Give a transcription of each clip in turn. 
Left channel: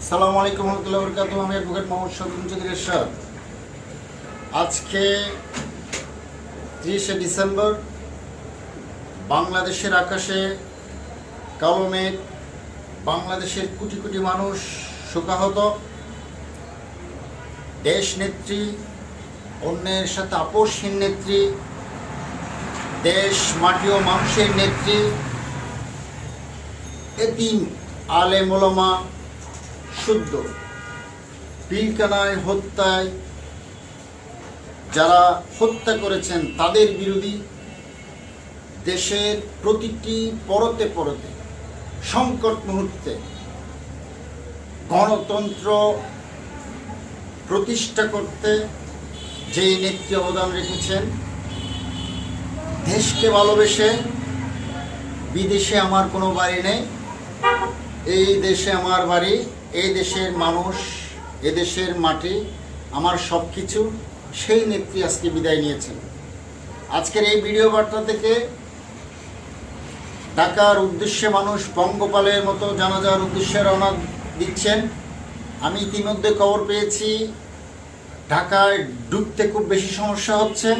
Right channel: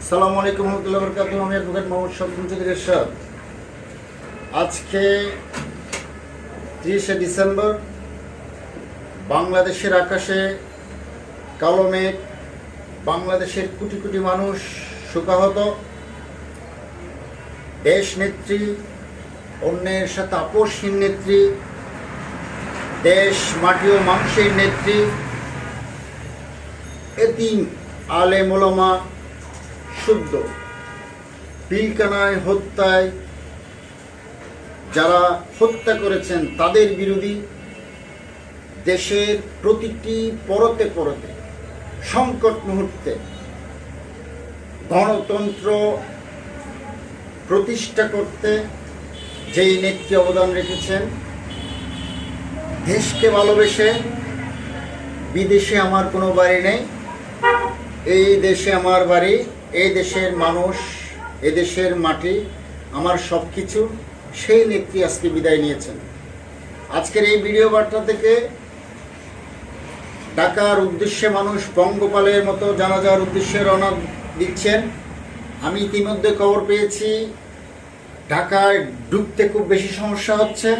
আসসালামু আলাইকুম ওয়া রাহমাতুল্লাহি ওয়া বারাকাতুহু। আমি অ্যাডভোকেট মোহাম্মদ শফিকুল চৌধুরী এরশাদ। আজকে 30শে ডিসেম্বর, বাংলাদেশের আকাশে কালো মেঘ, বাংলাদেশের কোটি কোটি মানুষ শোকাহত। দেশ নেত্রী, অন্যের সাথে আপোষহীন নেত্রী, দেশ মাটি ও মানুষের নেত্রী, এতিম আলেম ওলামা শুদ্ধ পিলকানায় হত্যায় যারা হত্যা করেছেন তাদের বিরোধী দেশের প্রতিটি পরতে পরতে সংকট মুহূর্তে গণতন্ত্র প্রতিষ্ঠা করতে যেই নেত্রী অবদান রেখেছেন, দেশকে ভালোবেসে বিদেশে আমার কোনো বাড়ি নেই, এই দেশে আমার বাড়ি, এই দেশের মানুষ, এ দেশের মাটি আমার সব কিছু, সেই নেত্রী আজকে বিদায় নিয়েছেন। আজকের এই ভিডিও বার্তা থেকে ঢাকার উদ্দেশ্যে মানুষ পঙ্গপালের মতো জানাজার উদ্দেশ্যে রওনা দিচ্ছেন। আমি ইতিমধ্যে খবর পেয়েছি ঢাকায় ঢুকতে খুব বেশি সমস্যা হচ্ছে।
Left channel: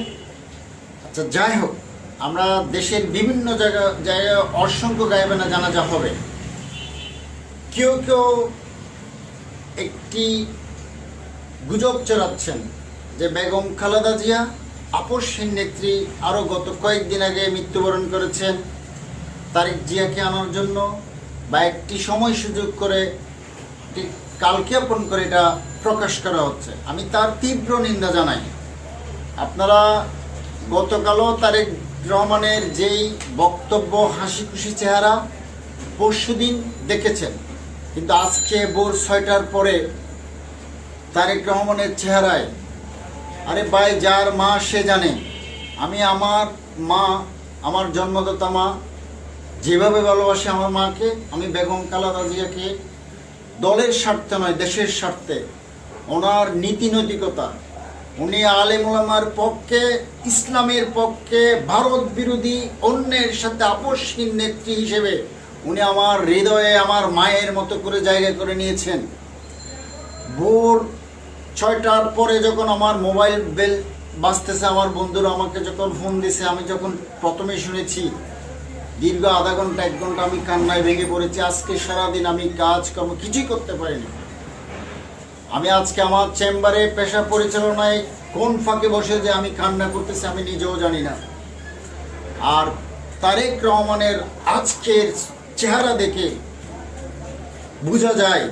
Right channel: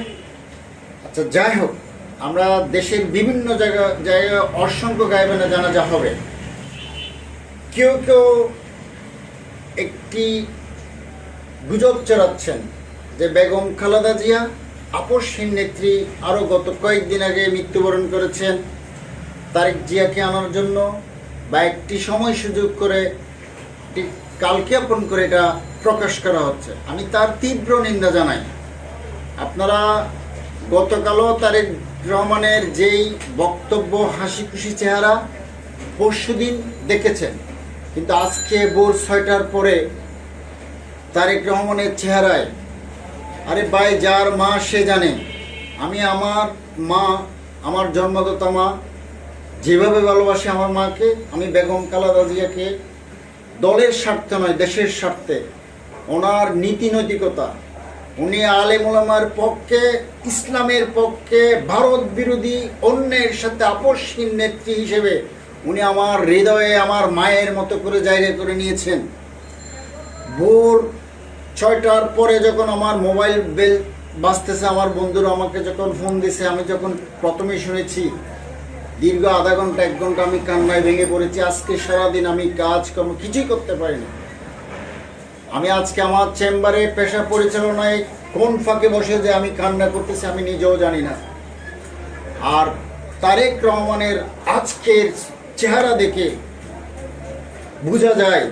আচ্ছা, যাই হোক, আমরা দেশের বিভিন্ন জায়গায় অসংখ্য গায়েবানা জানাজা হবে। কেউ কেউ একটি গুজব চড়াচ্ছেন যে বেগম খালেদা জিয়া আপোষহীন নেত্রী আরও গত কয়েকদিন আগে মৃত্যুবরণ করেছেন। তারেক জিয়াকে আনার জন্য বা একটি সময় সুযোগ করে কালক্ষেপণ করে এটা প্রকাশ করা হচ্ছে। আমি তার তীব্র নিন্দা জানাই। আপনারা গতকালও তারেক রহমানের যেই বক্তব্য, হাসি খুশি চেহারা পরশুদিন দেখেছেন, কিন্তু আজকে ভোর 6টার পরে তারেক রহমানের চেহারায়, আরে ভাই, যার মা সে জানে। আমি আমার মা, আমার জন্মদাতা মা, যেভাবে ভালোবাসি আমার মাকে, আমি বেগম খালেদা জিয়াকে দলের স্বার্থে নয়, দেশের স্বার্থে, ওনার নীতি নৈতিকতা, উনি আলেম ওলামার পক্ষে, ইসলামের পক্ষে, ভারত বিরোধী, অন্যের সাথে আপোষহীন নেত্রী হিসেবে উনি আমার হৃদয়ে আমার মায়ের মতো করে জায়গা করে নিয়েছেন। ভোর 6টার পরে যখন আমার মোবাইল বেল বাজতেছে, আমার বন্ধুরা আমাকে যখন ফোন দিছে, আমি যখন প্রথমে শুনেছি, দীর্ঘ আধা ঘন্টা 1 ঘন্টা আমি কান্নায় ভেঙে পড়েছি। আজকে সারাদিন আমি কাজকর্ম কিছুই করতে পারিনি। আমি আজকে আমার চেম্বারে পেশা পরিচালনায় কোন ফাঁকে বসে যে আমি কান্না করতেছি আমি নিজেও জানি না। আর তারেক রহমানের আজকের চেহারা দেখে বোঝা যায়